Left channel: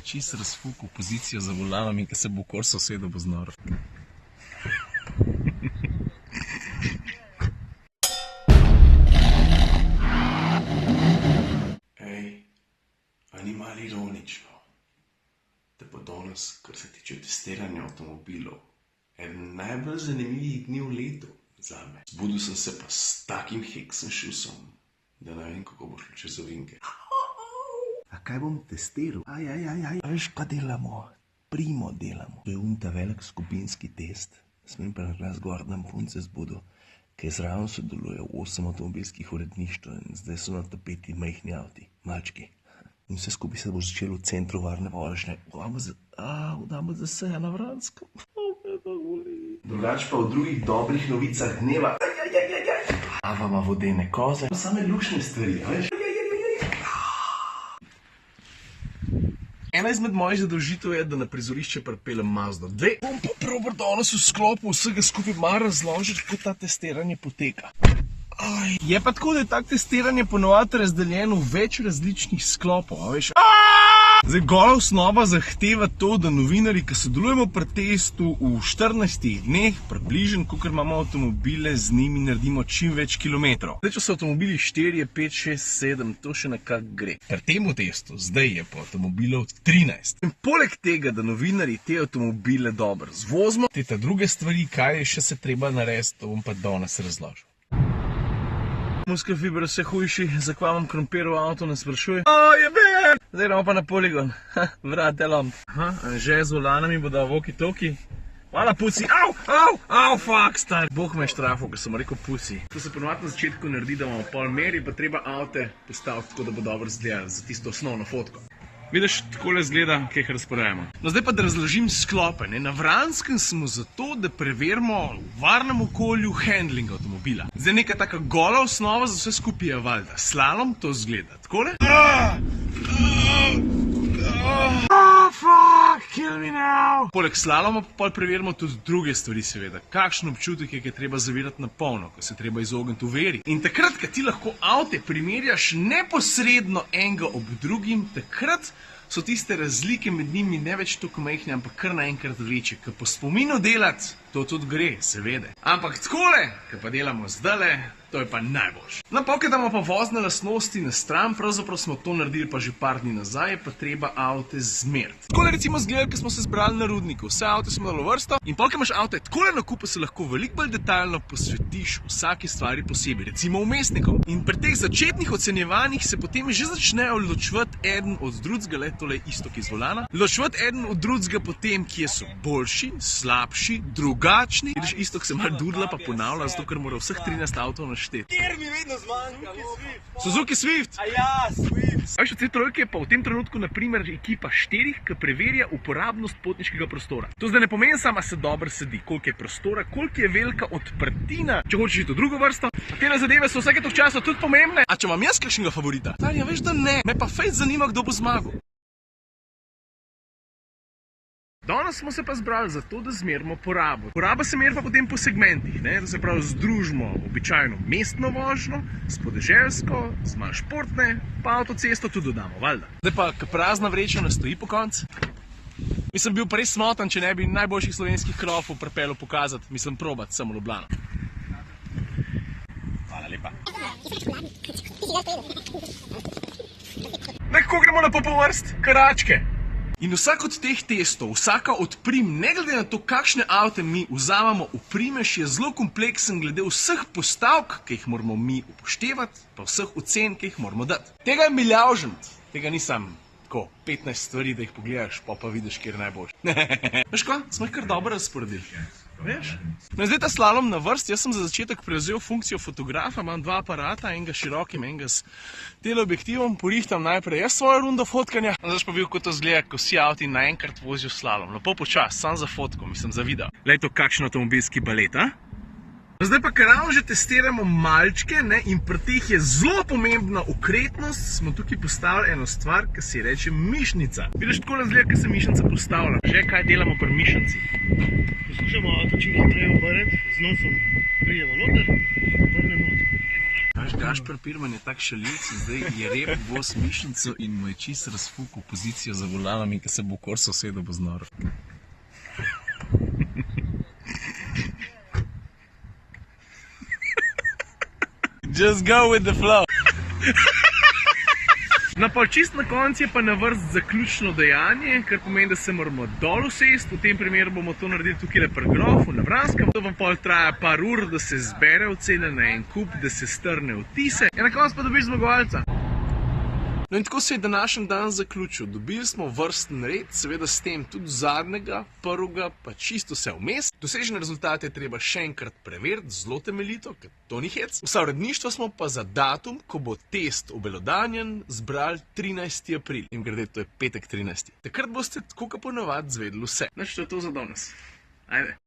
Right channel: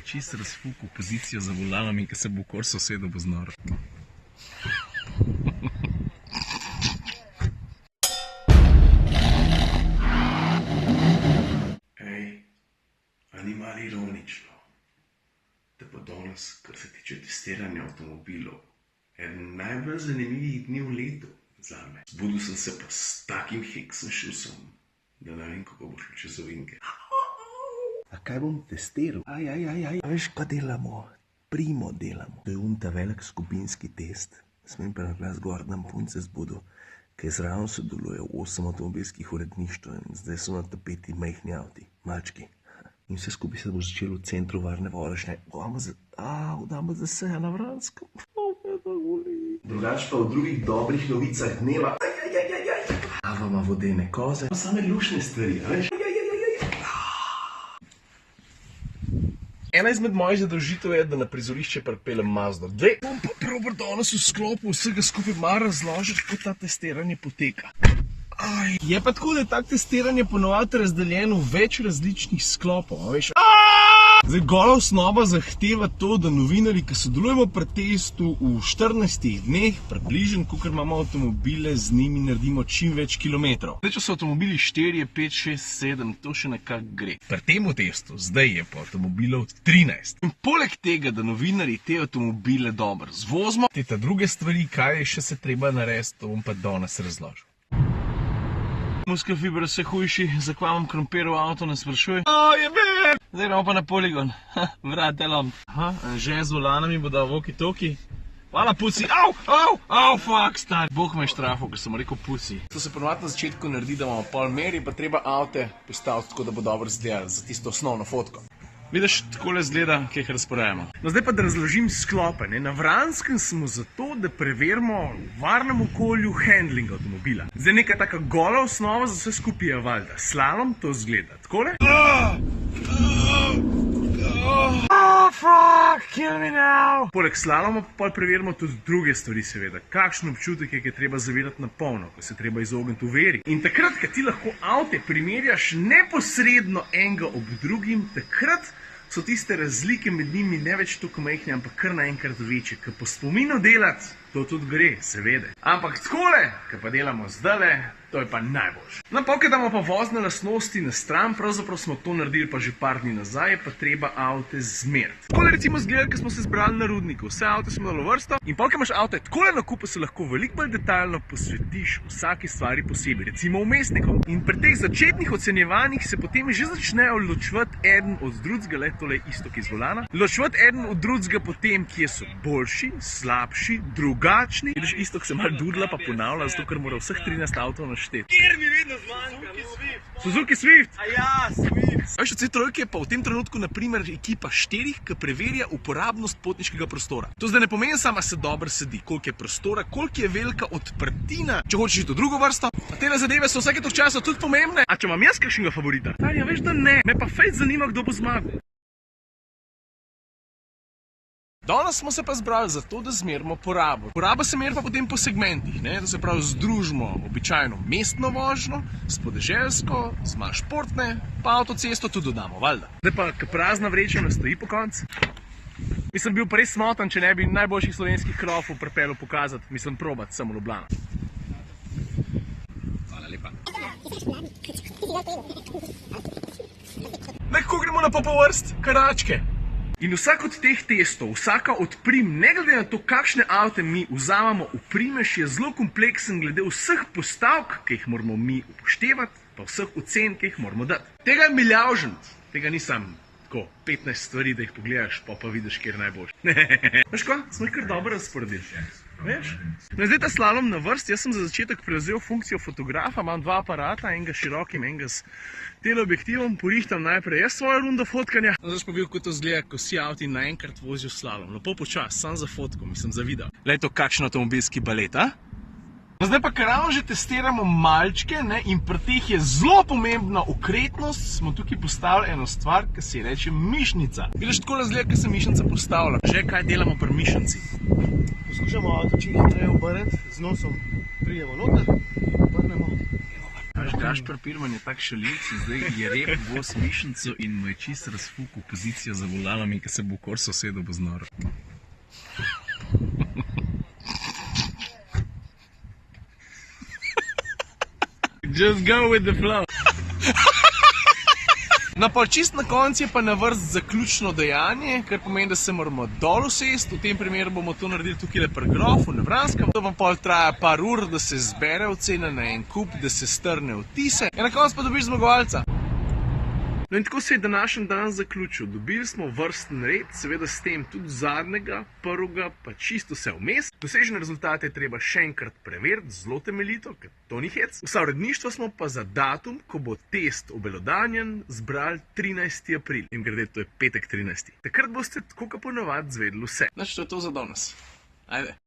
je čist razfukal pozicijo za volanom in ko se bo v Corso usedel, bo znoro. Ej, a ni malo ironično, da bo danes, kar se tiče testiranja avtomobilov, eden najbolj zanimivih dni v letu zame. Zbudil sem se pa s takim heksom šusom, da ne vem, kako bo šlo čez ovinke. A kaj bom testiral? A veš, kaj delamo? Primo delamo. To je ta velik skupinski test. Smem pa glas gor, da punce zbudu, ker zraven sodeluje 8 avtomobilskih uredništv in zdaj so na tapeti majhni avti, malčki. In vse skupaj se bo začelo v centru varne vožnje. Damo za se na Vranskem. Drugač pa v drugih dobrih novicah dneva. Avama vodene koze. To same lušne stvari, veš? Ena izmed mojih zadolžitev je, da na prizorišče pripeljem Mazdo 2. Bom pa probar danes v sklopu vsega skupaj malo razložiti, kako ta testiranje poteka. Je pa tako, da je tak testiranje ponovadi razdeljeno v več različnih sklopov, a veš? Zdaj, gola osnova zahteva to, da novinarji, ki sodelujemo pri testu v 14 dneh, približno, kakor imamo avtomobile, z njimi naredimo čim več kilometrov. Zdaj, če so avtomobili 4, 5, 6, 7, to še nekako gre. Pri tem testu zdaj je pa avtomobilov 13. In poleg tega, da novinarji te avtomobile dobro zvozimo, te ta druge stvari, kaj je še se treba narediti, to bom pa danes razložil. Muskel fiber vse hujši, zakaj imam krompir v avtu, ne sprašuj. Zdaj gremo pa na poligon. Vrate lom. Že z volanami bo dal walkie-talkie. Mala puci. Fuck, star. Bog me je štrafil, ker sem rekel puci. To se ponovadi na začetku naredi, da imamo pol meri, pa treba avte postaviti tako, da bo dobro izgledalo za tisto osnovno fotko. Vidiš, takole izgleda, kaj jih razporejamo. No, zdaj pa da razložim sklope. Na Vranskem smo zato, da preverimo v varnem okolju handling avtomobila. Zdaj neka taka gola osnova za vse skupaj je valjda. Slalom to izgleda. Takole. Fuck, kill me now. Poleg slaloma pa preverimo tudi druge stvari, seveda. Kakšen občutek je, ki je treba zavirati na polno, ko se treba izogniti uveri. In takrat, ko ti lahko avte primerjaš neposredno enega ob drugim, takrat so tiste razlike med njimi ne več toliko majhne, ampak kar naenkrat večje. Ker po spominu delati, to tudi gre, seveda. Ampak takole, ko pa delamo zdajle, to je pa najboljše. No, pa damo pa vozne lastnosti na stran, pravzaprav smo to naredili pa že par dni nazaj, pa treba avte zmeriti. Takole recimo zgledali, ko smo se zbrali na Rudniku, vse avte smo dali v vrsto in pa, ko imaš avte takole na kupu, se lahko veliko bolj detaljno posvetiš vsaki stvari posebej, recimo vmesnikom. In pri teh začetnih ocenjevanjih se potem že začnejo ločevati eden od drugega, le tole isto, ki z volana, ločevati eden od drugega potem, kje so boljši, slabši, drugačni. Vidiš, isto, ko se malo dudla pa ponavlja, zato ker mora vseh 13 avtov našteti. Kjer mi vedno zmanjka? Suzuki Swift. Swift. A veš, od C3 je pa v tem trenutku naprimer ekipa 4, ki preverja uporabnost potniškega prostora. To zdaj ne pomeni samo, se dobro sedi, koliko je prostora, koliko je velika odprtina, če hočeš iti v drugo vrsto. A tele zadeve so vsake toliko časa tudi pomembne. A če imam jaz kakšnega favorita? Tarja, veš, da ne. Me pa fejt zanima, kdo bo zmagal. Danes smo se pa zbrali zato, da zmerimo porabo. Poraba se meri pa potem po segmentih, ne? To se pravi, združimo običajno mestno vožnjo, s podeželsko, z manj športne, pa avtocesto tudi dodamo, valjda. Zdaj pa, ko prazna vreča ne stoji po koncu. Mislim, bil pa res smotan, če ne bi najboljših slovenskih krofov pripeljal pokazati, mislim, probati samo Ljubljano. Hvala lepa. Nekako gremo na popovrst, karačke. In vsak od teh testov, vsaka od prim, ne glede na to, kakšne avte mi vzamemo v primež, je zelo kompleksen glede vseh postavk, ki jih moramo mi upoštevati, pa vseh ocen, ki jih moramo dati. Tega je milijavžent, tega nisem tako 15 stvari, da jih pogledaš, pa vidiš, kjer najboljši. Veš ko, smo jih kar dobro razporedili. Veš? No, zdaj ta slalom na vrst, jaz sem za začetek prevzel funkcijo fotografa, imam dva aparata, enega širokim, enega s teleobjektivom, porihtam najprej jaz svojo rundo fotkanja. Zdaj pa bil, kot to zgleda, ko vsi avti naenkrat vozijo slalom. Lepo počas, sam za fotko, mislim za video. Glej to, kakšen avtomobilski balet, a? Zdaj pa, ker ravno že testiramo malčke, ne, in pri teh je zelo pomembna okretnost, smo tukaj postavili eno stvar, ki se reče mišnica. Vidiš, tako razgleda, ko se mišnica postavlja. Že kaj delamo pri mišnici? Poskušamo avto čim hitreje obrniti, z nosom pridemo noter in obrnemo. Naš Gašper Pirman je tak šalilc in zdaj je rep bos mišnico in mu je čist razfukal pozicijo za volanom in ko se bo kor sosedov bo znoro. Just go with the flow. No, pa čist na koncu je pa na vrst zaključno dejanje, kar pomeni, da se moramo dol usesti. V tem primeru bomo to naredili tukaj pri grofu na Vranskem. To vam pol traja par ur, da se zbere ocena na en kup, da se strne vtise. In na koncu pa dobiš zmagovalca. No in tako se je današnji dan zaključil. Dobili smo vrsten red, seveda s tem tudi zadnjega, prvega, pa čisto vse vmes. Dosežene rezultate je treba še enkrat preveriti, zelo temeljito, ker to ni hec. Vsa uredništva smo pa za datum, ko bo test obelodanjen, zbrali 13. april. In grede, to je petek 13. Takrat boste tako kot ponavadi zvedeli vse. Znači, to je to za danes. Ajde.